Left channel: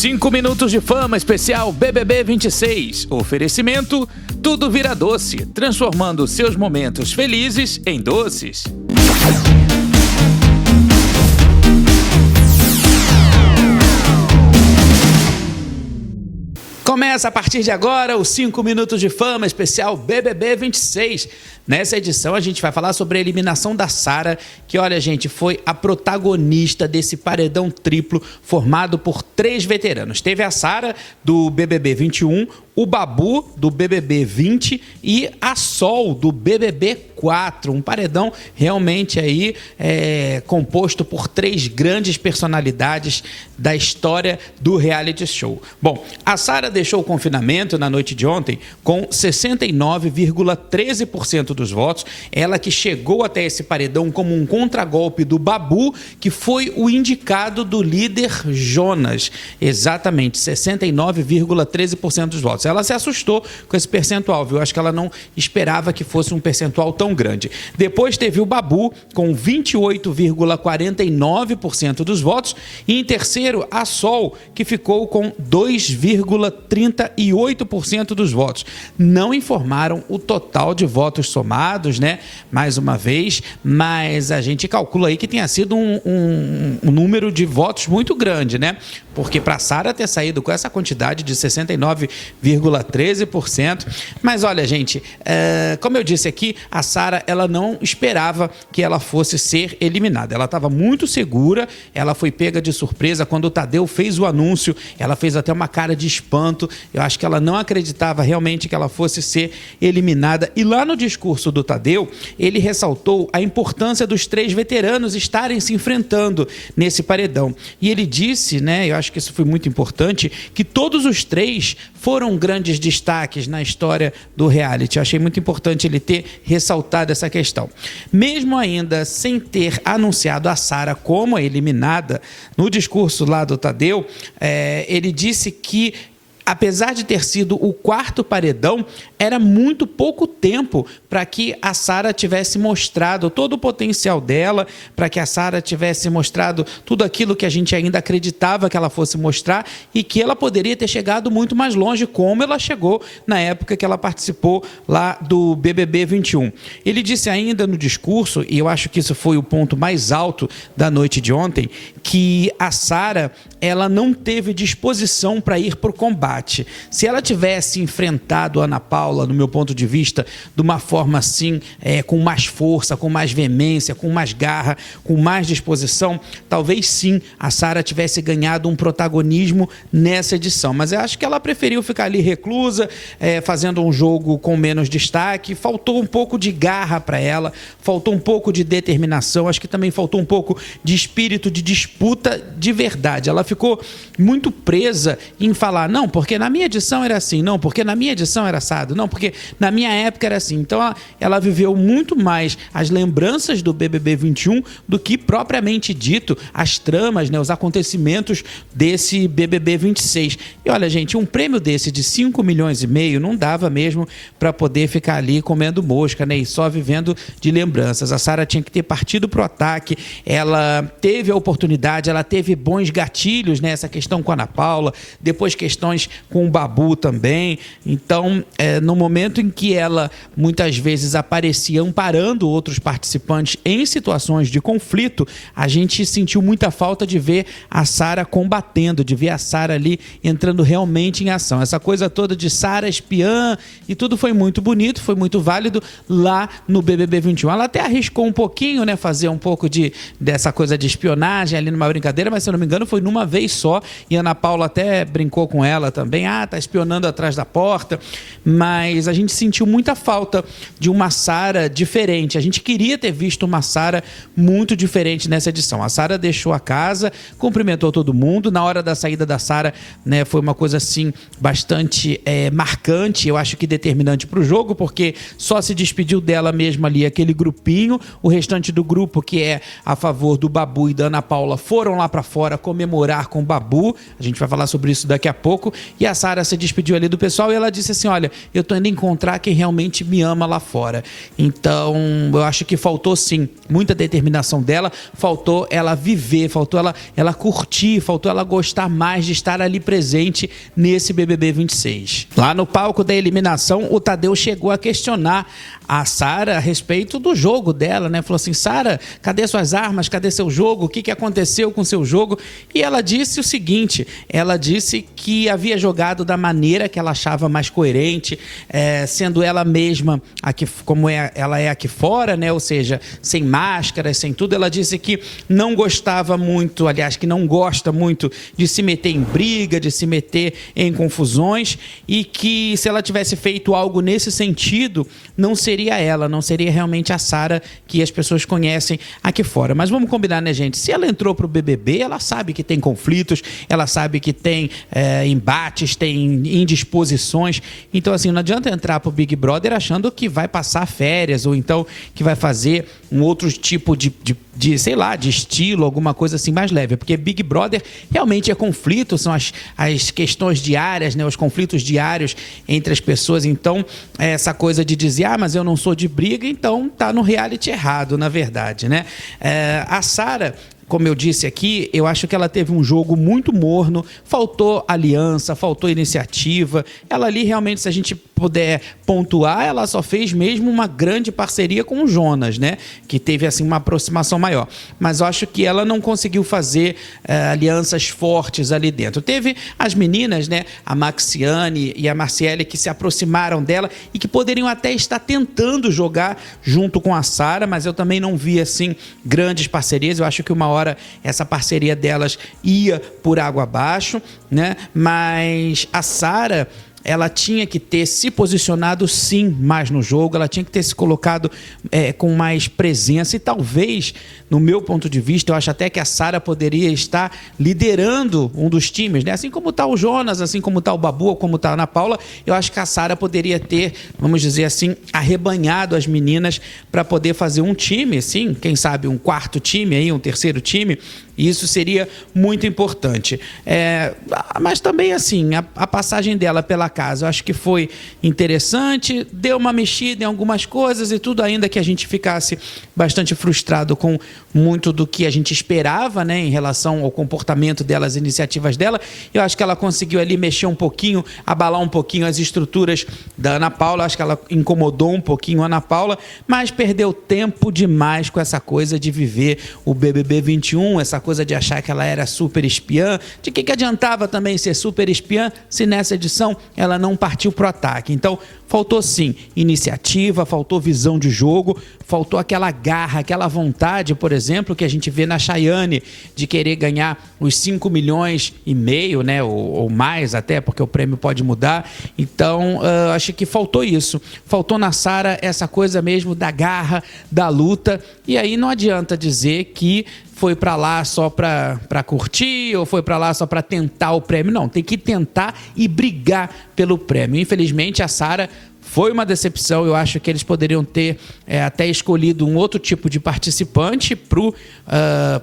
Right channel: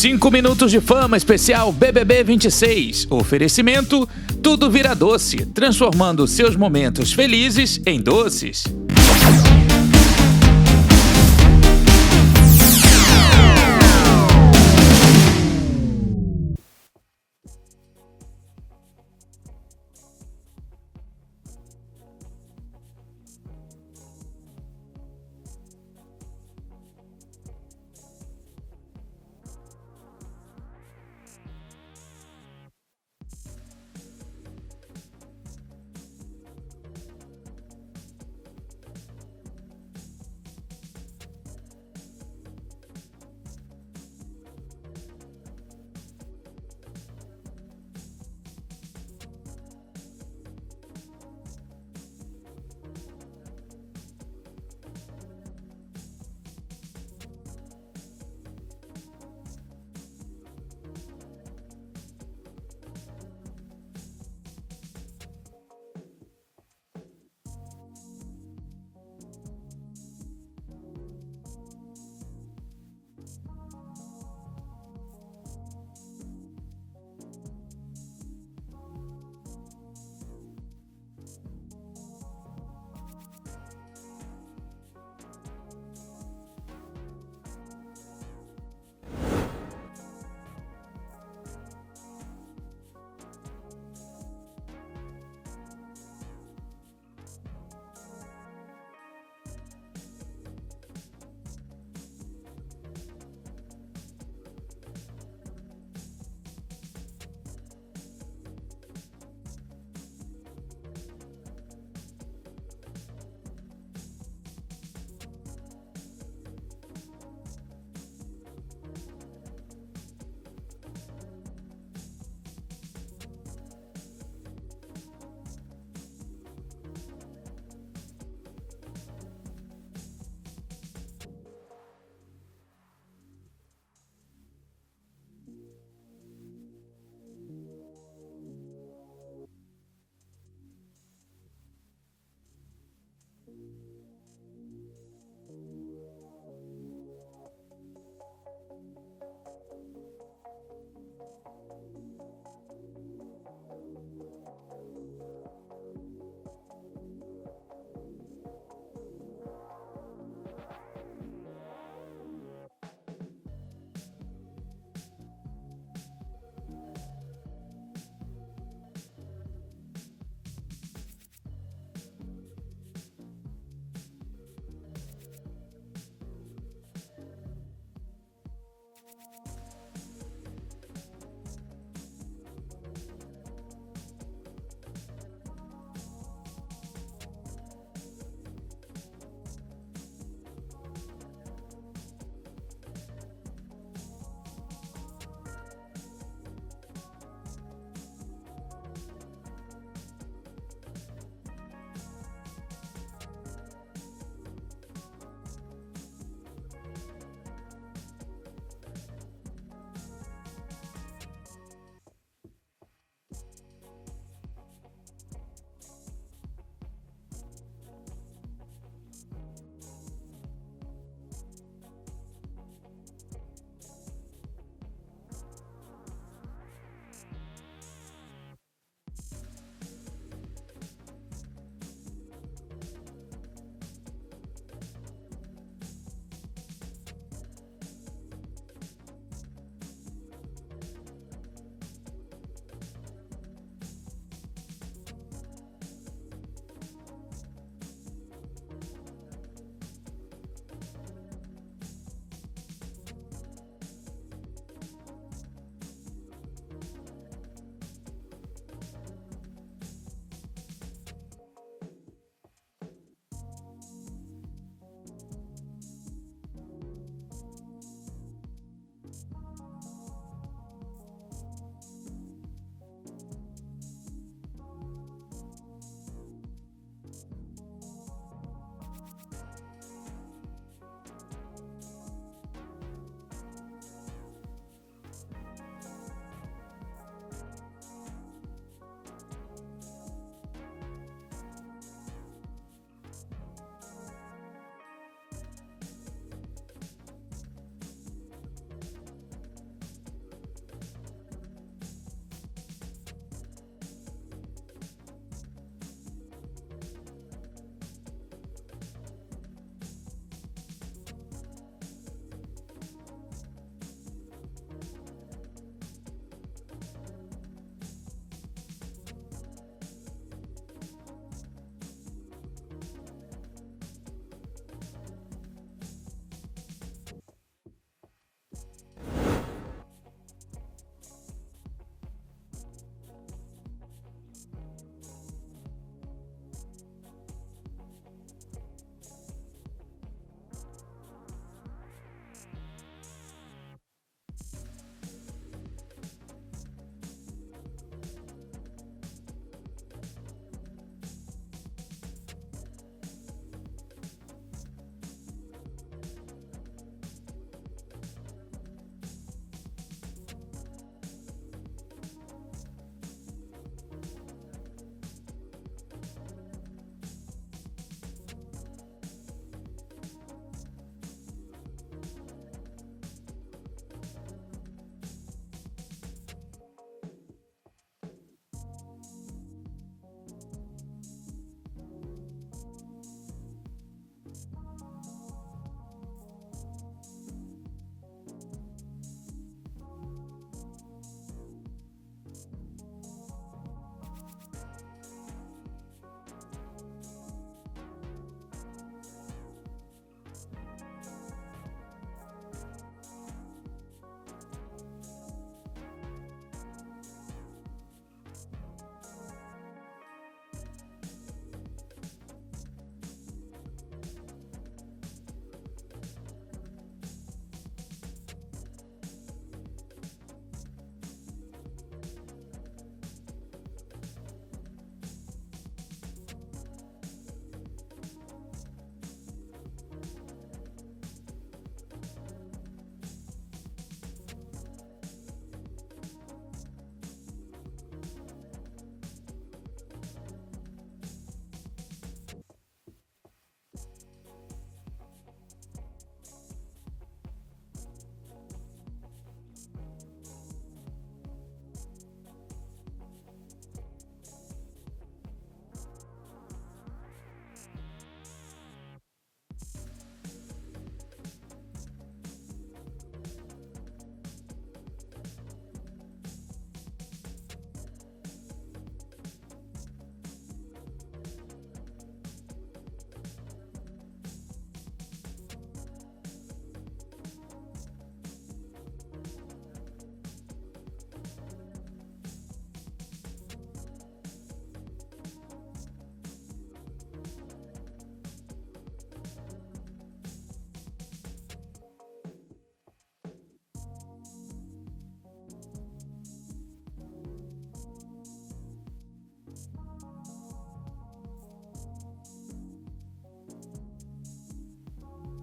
5 minutos de fama especial BBB 26. Oferecimento, tudo vira doce, transformando seus momentos felizes em doces. Começa a partir de agora os 5 minutos de fama especial BBB 26. Nessa edição a gente vai falar sobre a eliminação da Sara, que, olha, gente, foi a protagonista desse paredão triplo formado por 3 veteranos. Teve a Sara do BBB 21, o Babu do BBB 20 e a Sol do BBB 4. Um paredão realmente aí composto por 3 grandes personalidades da história do reality show. Bom, a Sara deixou o confinamento na noite de ontem com 69,13% dos votos. Ela que chegou até esse paredão como um contragolpe do Babu, que foi o indicado do líder Jonas. Exatamente, 69,13% dos votos. Ela se assustou com esse percentual, viu? Acho que ela não esperava que fosse um percentual tão grande. Depois teve o Babu com 28,49% dos votos e em terceiro a Sol, que ficou com 2,38% dos votos. Não informaram o total de votos somados, né? Mais uma vez, mas a gente calcula aí que tenha sido um número de votos muito grande, né? Porque para a Sara ter saído com essa quantidade de 69,13%. Mas olha, gente, como eu disse aqui, a Sara, ela não esperava que ela fosse ser eliminada. Ela estava muito segura, ela foi pega de surpresa quando o Tadeu fez o anúncio, ela fez até uma cara de espanto. Eu acho que ela não acreditava realmente que ela fosse ser eliminada. E lá no discurso do Tadeu, ele ressaltou a importância dos 3 veteranos estarem se enfrentando nesse paredão. E ele disse, né, eu acho que isso foi muito importante, que todos os 3 foram grandes destaques na história do reality. Eu achei muito importante ele ter ressaltado essa questão. Mesmo ainda sem ter anunciado a Sara como a eliminada, no discurso lá do Tadeu, ele disse que, apesar de ter sido o 4º paredão, era muito pouco tempo para que a Sara tivesse mostrado todo o potencial dela, para que a Sara tivesse mostrado tudo aquilo que a gente ainda acreditava que ela fosse mostrar e que ela poderia ter chegado muito mais longe, como ela chegou na época que ela participou lá do BBB 21. Ele disse ainda no discurso, e eu acho que isso foi o ponto mais alto da noite de ontem, que a Sara, ela não teve disposição para ir para o combate. Se ela tivesse enfrentado a Ana Paula, no meu ponto de vista, de uma forma assim, com mais força, com mais veemência, com mais garra, com mais disposição, talvez sim a Sara tivesse ganhado um protagonismo nessa edição. Mas eu acho que ela preferiu ficar ali reclusa, fazendo um jogo com menos destaque. Faltou um pouco de garra para ela, faltou um pouco de determinação, acho que também faltou um pouco de espírito de disputa de verdade. Ela ficou muito presa em falar, não, porque na minha edição era assim, não, porque na minha edição era assado, não, porque na minha época era assim. Então ela viveu muito mais as lembranças do BBB 21 do que propriamente dito as tramas, né, os acontecimentos desse BBB 26. E olha, gente, um prêmio desse de 5,5 milhões não dava mesmo para poder ficar ali comendo mosca, né, e só vivendo de lembranças. A Sara tinha que ter partido pro ataque, ela teve a oportunidade, ela teve bons gatilhos, né, essa questão com a Ana Paula, depois questões com o Babu também. Então, no momento em que ela muitas vezes aparecia amparando outros participantes em situações de conflito, a gente sentiu muita falta de ver a Sara combatendo, de ver a Sara ali entrando realmente em ação. Essa coisa toda de Sara espiã e tudo foi muito bonito, foi muito válido lá no BBB 21. Ela até arriscou um pouquinho, né, fazer um pouco dessa coisa de espionagem ali numa brincadeira, mas se eu não me engano foi numa vez só, e a Ana Paula até brincou com ela também, tá espionando atrás da porta, mas a gente sentiu muita falta de uma Sara diferente. A gente queria ter visto uma Sara muito diferente nessa edição. A Sara deixou a casa, cumprimentou todo mundo. Na hora da saída da Sara, né, foi uma coisa assim bastante marcante, eu acho que determinante para o jogo, porque só se despediu dela mesma ali aquele grupinho. O restante do grupo, que é a favor do Babu e da Ana Paula, foram lá para fora comemorar com o Babu. A gente vai falar sobre isso daqui a pouco. e a Sara se despediu ali do pessoal e ela disse assim, olha, eu tô indo encontrar quem realmente me ama lá fora. Então, eu acho que faltou sim muita determinação dela, faltou ela viver, faltou ela curtir, faltou ela gostar mais de estar ali presente nesse BBB 26. Lá no palco da eliminação, o Tadeu chegou a questionar a Sara a respeito do jogo dela, né? Falou assim, Sara, cadê suas armas? Cadê seu jogo? O que aconteceu com seu jogo? E ela disse o seguinte, ela disse que havia jogado da maneira que ela achava mais coerente, sendo ela mesma, aqui, como ela é aqui fora, né? Ou seja, sem máscara, sem tudo. Ela disse que não gostava muito, aliás, que não gosta muito de se meter em briga, de se meter em confusões e que se ela tivesse feito algo nesse sentido, não seria ela, não seria realmente a Sara que as pessoas conhecem aqui fora. Mas vamos combinar, né, gente? Se ela entrou pro BBB, ela sabe que tem conflitos, ela sabe que tem embates, tem indisposições. Então, assim, não adianta entrar pro Big Brother achando que vai passar férias ou então que vai fazer um outro tipo de sei lá, de estilo, alguma coisa assim mais leve, porque Big Brother realmente é conflito, são as questões diárias, né, os conflitos diários entre as pessoas. Então, essa coisa de dizer, mas eu não sou de briga, então tá no reality errado, na verdade, né? A Sara, como eu disse aqui, eu acho que ela teve um jogo muito morno, faltou aliança, faltou iniciativa. Ela ali realmente, se a gente puder pontuar, ela só fez mesmo uma grande parceria com o Jonas, né? Que teve assim uma aproximação maior. Mas eu acho que ela não conseguiu fazer alianças fortes ali dentro. Teve as meninas, né? A Maxiane e a Marciele que se aproximaram dela e que poderiam até estar tentando jogar junto com a Sara, mas eu também não vi assim grandes parcerias. Eu acho que uma hora essa parceria delas ia por água abaixo, né? Mas a Sara, ela tinha que ter se posicionado sim mais no jogo, ela tinha que ter se colocado com mais presença e talvez, no meu ponto de vista, eu acho até que a Sara poderia estar liderando um dos times, né? Assim como está o Jonas, assim como está o Babu, como está a Ana Paula, eu acho que a Sara poderia ter, vamos dizer assim, arrebanhado as meninas para poder fazer um time, sim, quem sabe um quarto time, aí, um terceiro time, e isso seria muito importante. Mas também, assim, a passagem dela pela casa, eu acho que foi interessante, deu uma mexida em algumas coisas e tudo, ainda que a gente ficasse bastante frustrado com muito do que a gente esperava, né, em relação ao comportamento dela, as iniciativas dela. Eu acho que ela conseguiu ali mexer um pouquinho, abalar um pouquinho as estruturas da Ana Paula, acho que ela incomodou um pouquinho a Ana Paula, mas perdeu tempo demais com essa coisa de viver o BBB 21, essa coisa de achar que ela era super espiã. De que adiantava também ser super espiã se nessa edição ela não partiu pro ataque? Então, faltou sim iniciativa, faltou visão de jogo, faltou aquela garra, aquela vontade, por exemplo, que a gente vê na Chayane de querer ganhar os 5,5 milhões, né, ou mais até, porque o prêmio pode mudar. Então, acho que faltou isso. Faltou na Sara essa coisa mesmo da garra, da luta. E aí não adianta dizer que foi para lá só para curtir ou foi para lá só para tentar o prêmio. Não, tem que tentar e brigar pelo prêmio. Infelizmente, a Sara foi uma decepção. Eu acho que eles poderiam ter até escolhido um outro tipo de participante para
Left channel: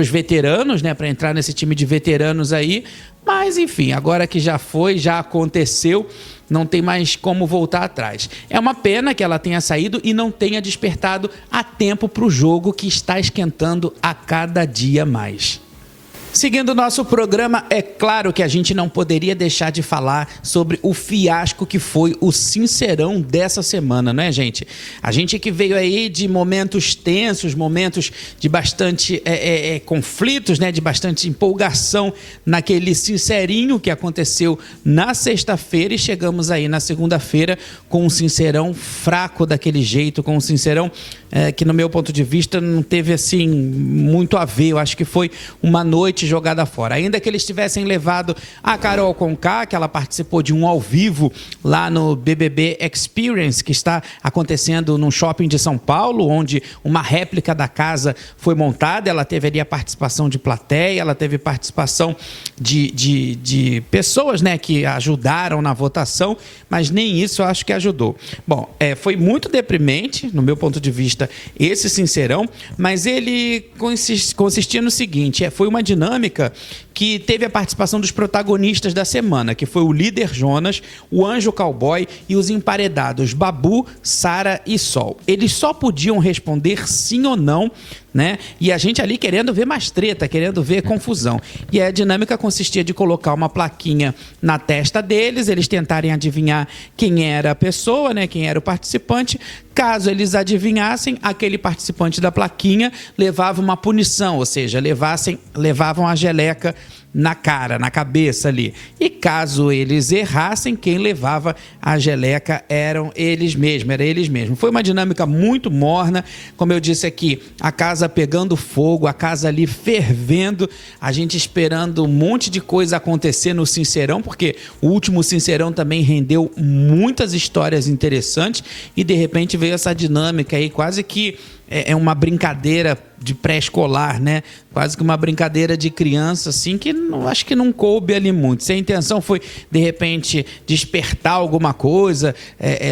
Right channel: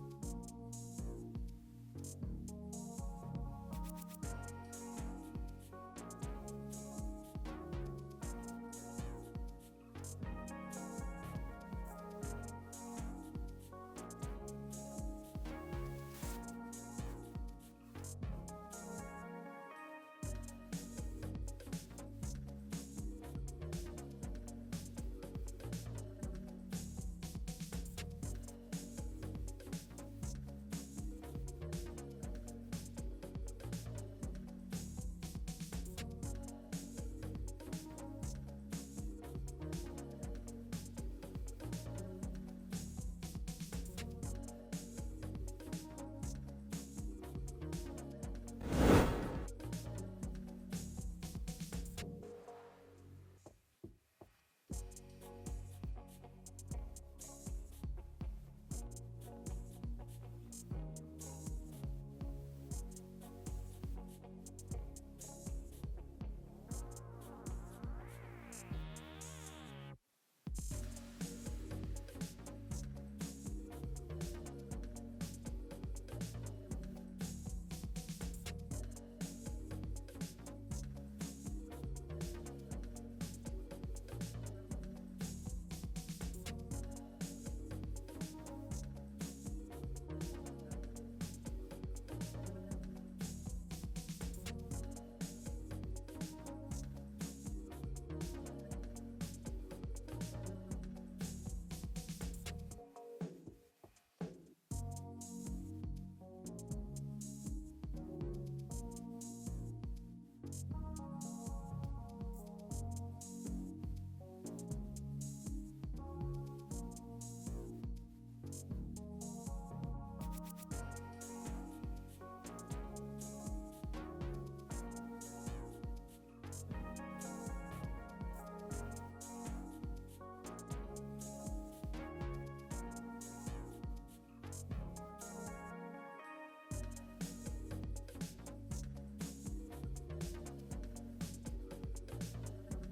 os veteranos, né, para entrar nesse time de veteranos aí. Mas, enfim, agora que já foi, já aconteceu, não tem mais como voltar atrás. É uma pena que ela tenha saído e não tenha despertado a tempo para o jogo que está esquentando a cada dia mais. Seguindo o nosso programa, é claro que a gente não poderia deixar de falar sobre o fiasco que foi o Sincerão dessa semana, não é, gente? A gente que veio aí de momentos tensos, momentos de bastante conflitos, né? De bastante empolgação naquele Sincerinho que aconteceu na sexta-feira e chegamos aí na segunda-feira com um Sincerão fraco daquele jeito, com um Sincerão que no meu ponto de vista não teve assim muito a ver. Eu acho que foi uma noite jogada fora. Ainda que eles tivessem levado a Carol Conká, que ela participou de um ao vivo lá no BBB Experience, que está acontecendo num shopping de São Paulo, onde uma réplica da casa foi montada. Ela teve ali a participação de plateia, ela teve participação de pessoas, né, que ajudaram na votação, mas nem isso eu acho que ajudou. Bom, foi muito deprimente, no meu ponto de vista, esse Sincerão, mas ele consistia no seguinte, foi uma dinâmica dinâmica que teve a participação dos protagonistas da semana, que foi o líder Jonas, o Anjo Cowboy e os emparedados Babu, Sara e Sol. Eles só podiam responder sim ou não, né? E a gente ali querendo ver mais treta, querendo ver confusão. E a dinâmica consistia de colocar uma plaquinha na testa deles, eles tentarem adivinhar quem era a pessoa, né? Quem era o participante. Caso eles adivinhassem, aquele participante da plaquinha levava uma punição, ou seja, levavam a geleca na cara, na cabeça ali. E caso eles errassem, quem levava a geleca eram eles mesmos, era eles mesmos. Foi uma dinâmica muito morna, como eu disse aqui, a casa pegando fogo, a casa ali fervendo, a gente esperando um monte de coisa acontecer no Sincerão, porque o último Sincerão também rendeu muitas histórias interessantes e de repente veio essa dinâmica aí, quase que é uma brincadeira de pré-escolar, né? Quase que uma brincadeira de criança, assim, que acho que não coube ali muito. Se a intenção foi, de repente, despertar alguma coisa,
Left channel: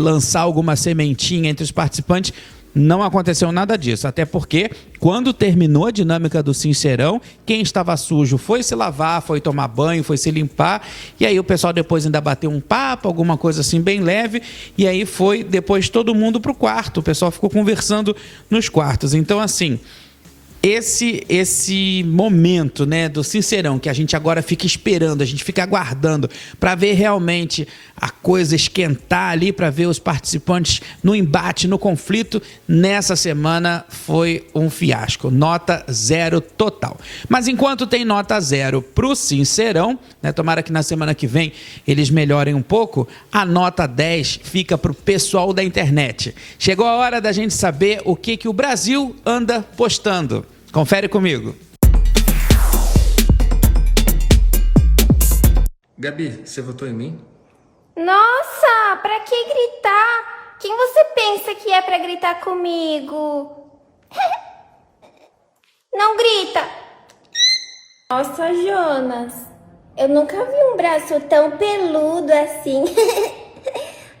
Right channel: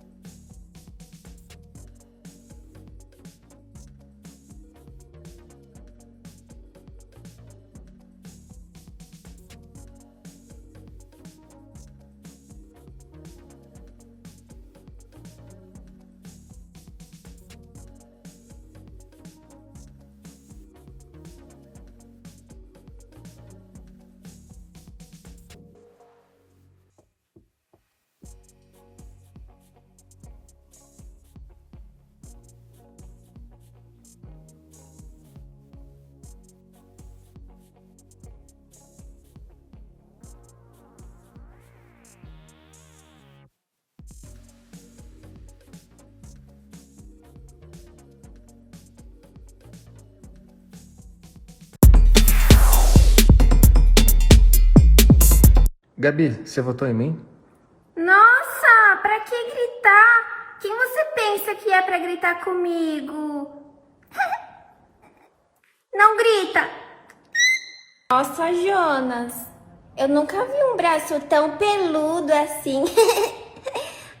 lançar alguma sementinha entre os participantes, não aconteceu nada disso, até porque quando terminou a dinâmica do Sincerão, quem estava sujo foi se lavar, foi tomar banho, foi se limpar, e aí o pessoal depois ainda bateu um papo, alguma coisa assim bem leve, e aí foi depois todo mundo pro quarto, o pessoal ficou conversando nos quartos. Então, assim, esse momento, né, do Sincerão, que a gente agora fica esperando, a gente fica aguardando para ver realmente a coisa esquentar ali, para ver os participantes no embate, no conflito, nessa semana foi um fiasco. Nota 0 total. Mas enquanto tem nota 0 pro Sincerão, né, tomara que na semana que vem eles melhorem um pouco, a nota 10 fica pro pessoal da internet. Chegou a hora da gente saber o que o Brasil anda postando. Confere comigo. Gabi, você votou em mim? Nossa, pra que gritar? Quem você pensa que é pra gritar comigo? Não grita! Nossa, Jonas, eu nunca vi um braço tão peludo assim.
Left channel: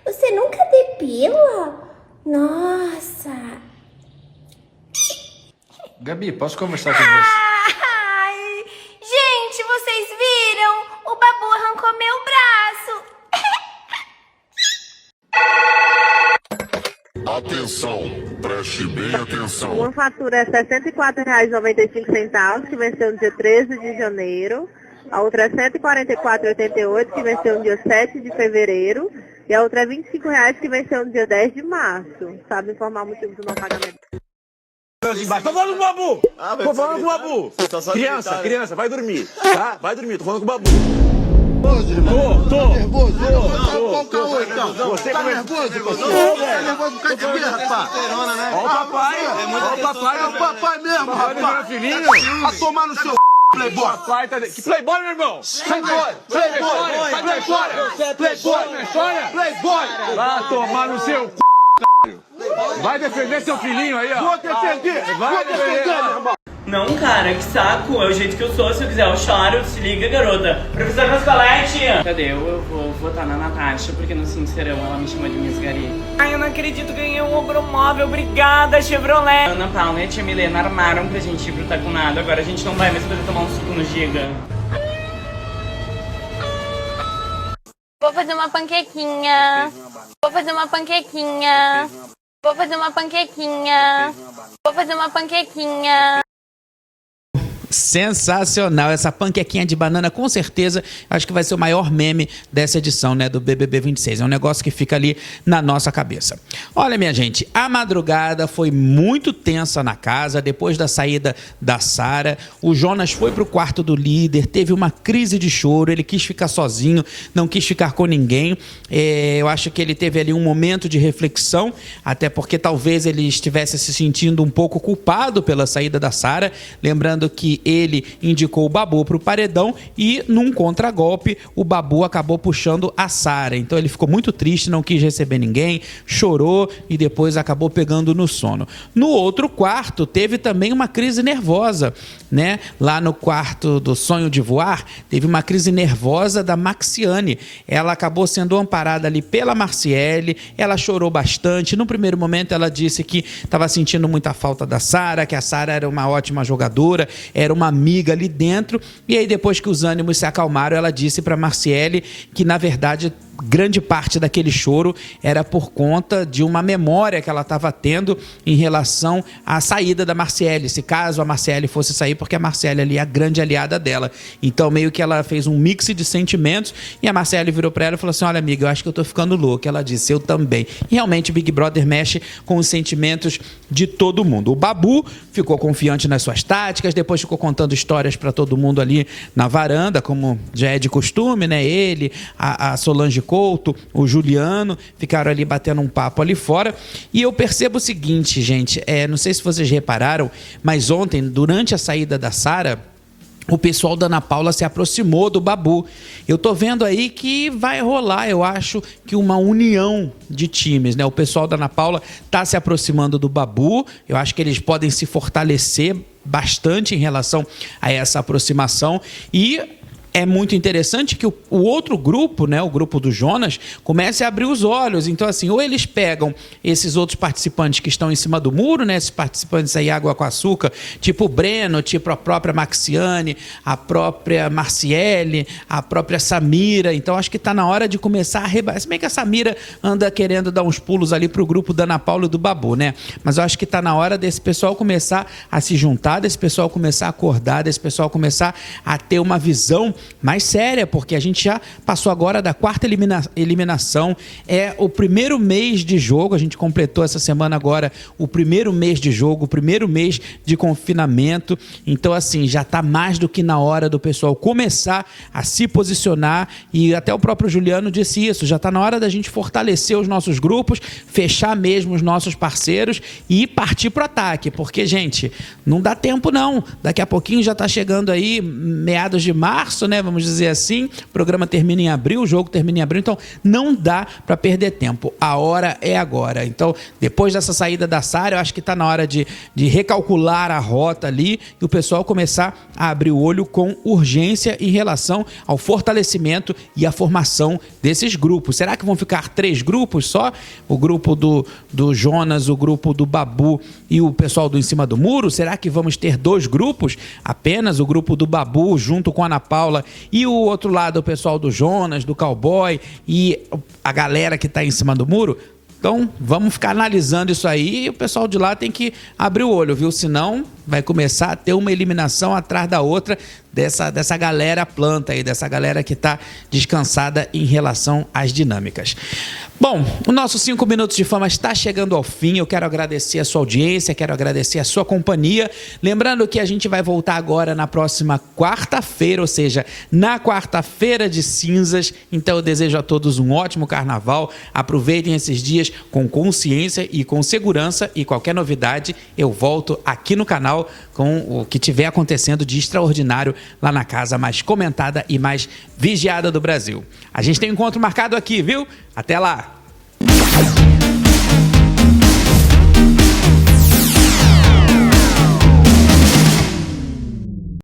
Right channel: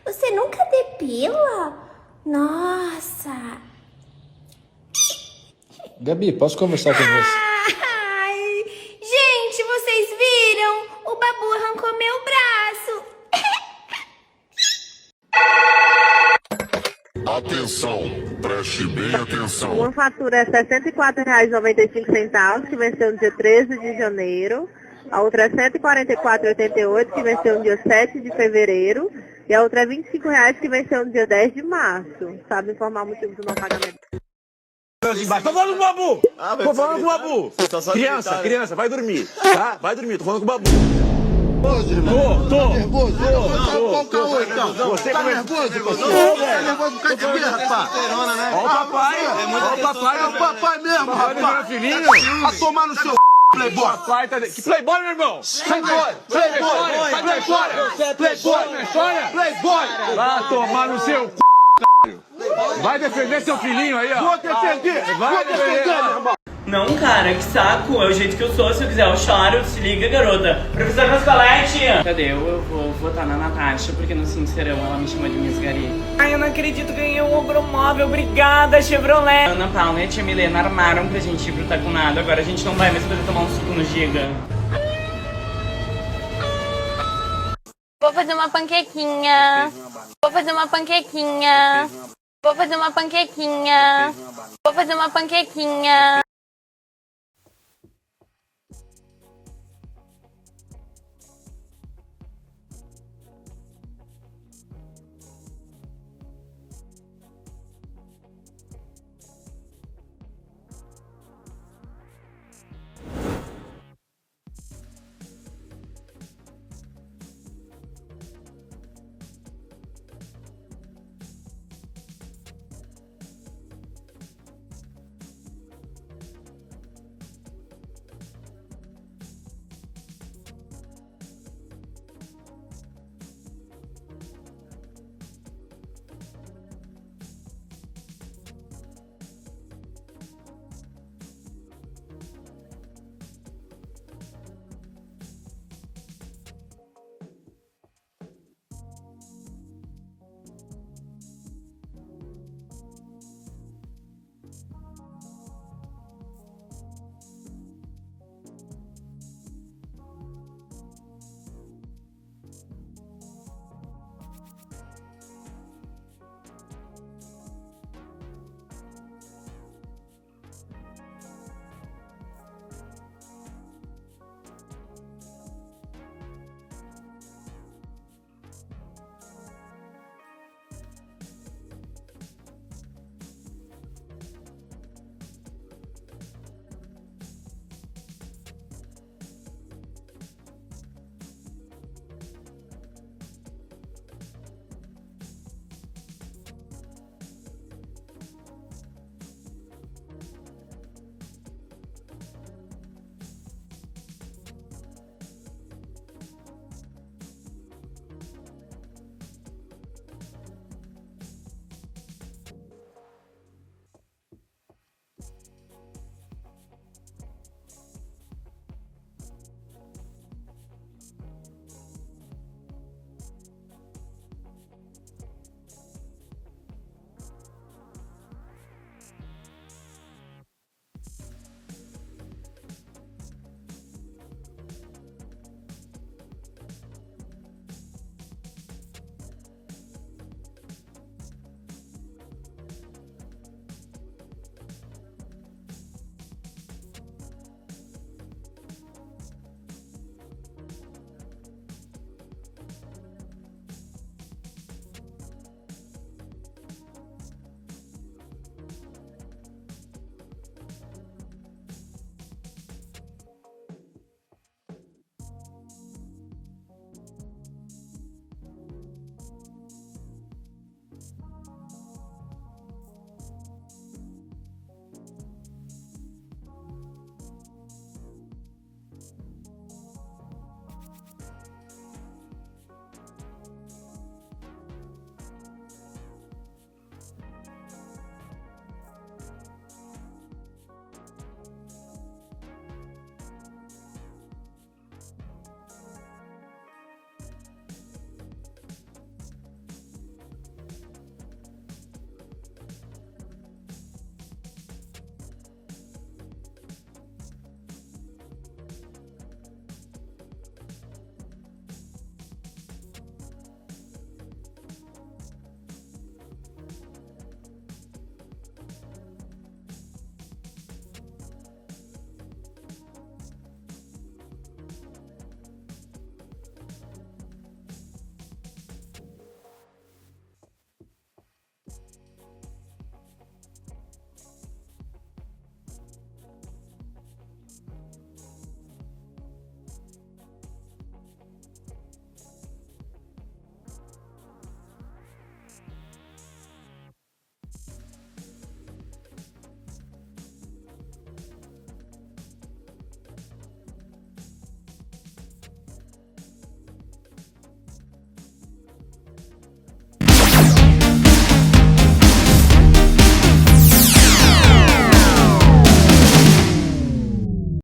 Você nunca depila? Nossa! Gabi, posso conversar com você? Ai, gente, vocês viram? O Babu arrancou meu braço. Atenção, preste bem atenção. Uma fatura é R$ 64,95, que venceu no dia 13 de janeiro. A outra é R$ 144,88, que venceu no dia 7 de fevereiro. E a outra é R$ 25,00, que venceu no dia 10 de março. Sabe informar o motivo do não pagamento? Tô falando com o Babu! Tô falando com o Babu! Criança, vai dormir, tá? Vai dormir, tô falando com o Babu. Tô nervoso. Você tá nervoso? Tá nervoso por causa de quê, rapaz? Ó o papai mesmo, rapaz. A tomar no seu playboy. Que playboy, meu irmão? Playboy! Vai tomar no seu c... Vai defender seu filhinho aí, ó. Vou defender, meu irmão. Não, cara, que saco. É o jeito que eu sou. Se eu quiser, eu choro. Se liga, garota. Professor Pascoaletti. Cadê? Eu vou votar na Natasha, porque no Sincerão ela me chama de Miss Gari. Ai, eu não acredito. Ganhei um Obromóvel. Obrigada, Chevrolet. Ana Paula e a tia Milena armaram pra gente ir pro Tacunado. Agora a gente não vai mais poder tomar um suco no Giga. Vou fazer uma panquequinha. Vou fazer uma panquequinha. Vou fazer uma panquequinha. Vou fazer uma panquequinha. Sensacional, essa panquequinha de banana, com certeza, acho que vai ser o maior meme dessa edição, né, do BBB 26. É um negócio que fica ali na nossa cabeça. Olha, minha gente, a madrugada foi muito tensa na casa, depois da saída da Sara. O Jonas foi pro quarto do líder, teve uma crise de choro, ele quis ficar sozinho, não quis ficar com ninguém. Eu acho que ele teve ali um momento de reflexão, até porque talvez ele estivesse se sentindo um pouco culpado pela saída da Sara, lembrando que ele indicou o Babu para o paredão e, num contragolpe, o Babu acabou puxando a Sara. Então ele ficou muito triste, não quis receber ninguém, chorou e depois acabou pegando no sono. No outro quarto, teve também uma crise nervosa, né? Lá no quarto do Sonho de Voar, teve uma crise nervosa da Maxiane. Ela acabou sendo amparada ali pela Marciele, ela chorou bastante. No primeiro momento, ela disse que estava sentindo muita falta da Sara, que a Sara era uma ótima jogadora, era era uma amiga ali dentro. E aí, depois que os ânimos se acalmaram, ela disse para Marciele que, na verdade, grande parte daquele choro era por conta de uma memória que ela estava tendo em relação à saída da Marciele, se caso a Marciele fosse sair, porque a Marciele ali é a grande aliada dela. Então, meio que ela fez um mix de sentimentos e a Marciele virou para ela e falou assim: olha, amiga, eu acho que eu tô ficando louca. Ela disse: eu também. E realmente o Big Brother mexe com os sentimentos de todo mundo. O Babu ficou confiante nas suas táticas, depois ficou contando histórias para todo mundo ali na varanda, como já é de costume, né? Ele, a Solange Couto, o Juliano, ficaram ali batendo um papo ali fora. E eu percebo o seguinte, gente, não sei se vocês repararam, mas ontem, durante a saída da Sara, o pessoal da Ana Paula se aproximou do Babu. Eu tô vendo aí que vai rolar, eu acho, que uma união de times, né? O pessoal da Ana Paula tá se aproximando do Babu. Eu acho que eles podem se fortalecer bastante em relação a essa aproximação. E é muito interessante que o outro grupo, né, o grupo do Jonas, comece a abrir os olhos. Então, assim, ou eles pegam esses outros participantes que estão em cima do muro, né, esses participantes aí água com açúcar, tipo o Breno, tipo a própria Maxiane, a própria Marciele, a própria Samira. Então, acho que está na hora de começar a rebaixar. Se bem que a Samira anda querendo dar uns pulos ali pro grupo da Ana Paula e do Babu, né? Mas eu acho que está na hora desse pessoal começar a se juntar, desse pessoal começar a acordar, desse pessoal começar a ter uma visão mais séria, porque a gente já passou agora da quarta eliminação, é o primeiro mês de jogo, a gente completou essa semana agora o primeiro mês de jogo, o primeiro mês de confinamento. Então, assim, já está mais do que na hora do pessoal começar a se posicionar, e até o próprio Juliano disse isso, já está na hora da gente fortalecer os nossos grupos, fechar mesmo os nossos parceiros e partir para o ataque, porque, gente, não dá tempo não, daqui a pouquinho já está chegando aí meados de março, né? Vamos dizer assim, o programa termina em abril, o jogo termina em abril, então não dá para perder tempo. A hora é agora. Então, depois dessa saída da Sara, eu acho que está na hora de recalcular a rota ali e o pessoal começar a abrir o olho com urgência em relação ao fortalecimento e a formação desses grupos. Será que vão ficar 3 grupos só? O grupo do Jonas, o grupo do Babu e o pessoal do Em Cima do Muro? Será que vamos ter 2 grupos? Apenas o grupo do Babu junto com a Ana Paula e o outro lado, o pessoal do Jonas, do Cowboy e a galera que está em cima do muro? Então, vamos ficar analisando isso aí e o pessoal de lá tem que abrir o olho, viu? Senão vai começar a ter uma eliminação atrás da outra dessa galera planta aí, dessa galera que está descansada em relação às dinâmicas. Bom, o nosso 5 Minutos de Fama está chegando ao fim. Eu quero agradecer a sua audiência, quero agradecer a sua companhia. Lembrando que a gente vai voltar agora na próxima quarta-feira, ou seja, na quarta-feira de cinzas. Então eu desejo a todos um ótimo carnaval. Aproveitem esses dias com consciência e com segurança. E qualquer novidade, eu volto aqui no canal com o que tiver acontecendo de extraordinário lá na casa mais comentada e mais vigiada do Brasil. A gente tem um encontro marcado aqui, viu? Até lá!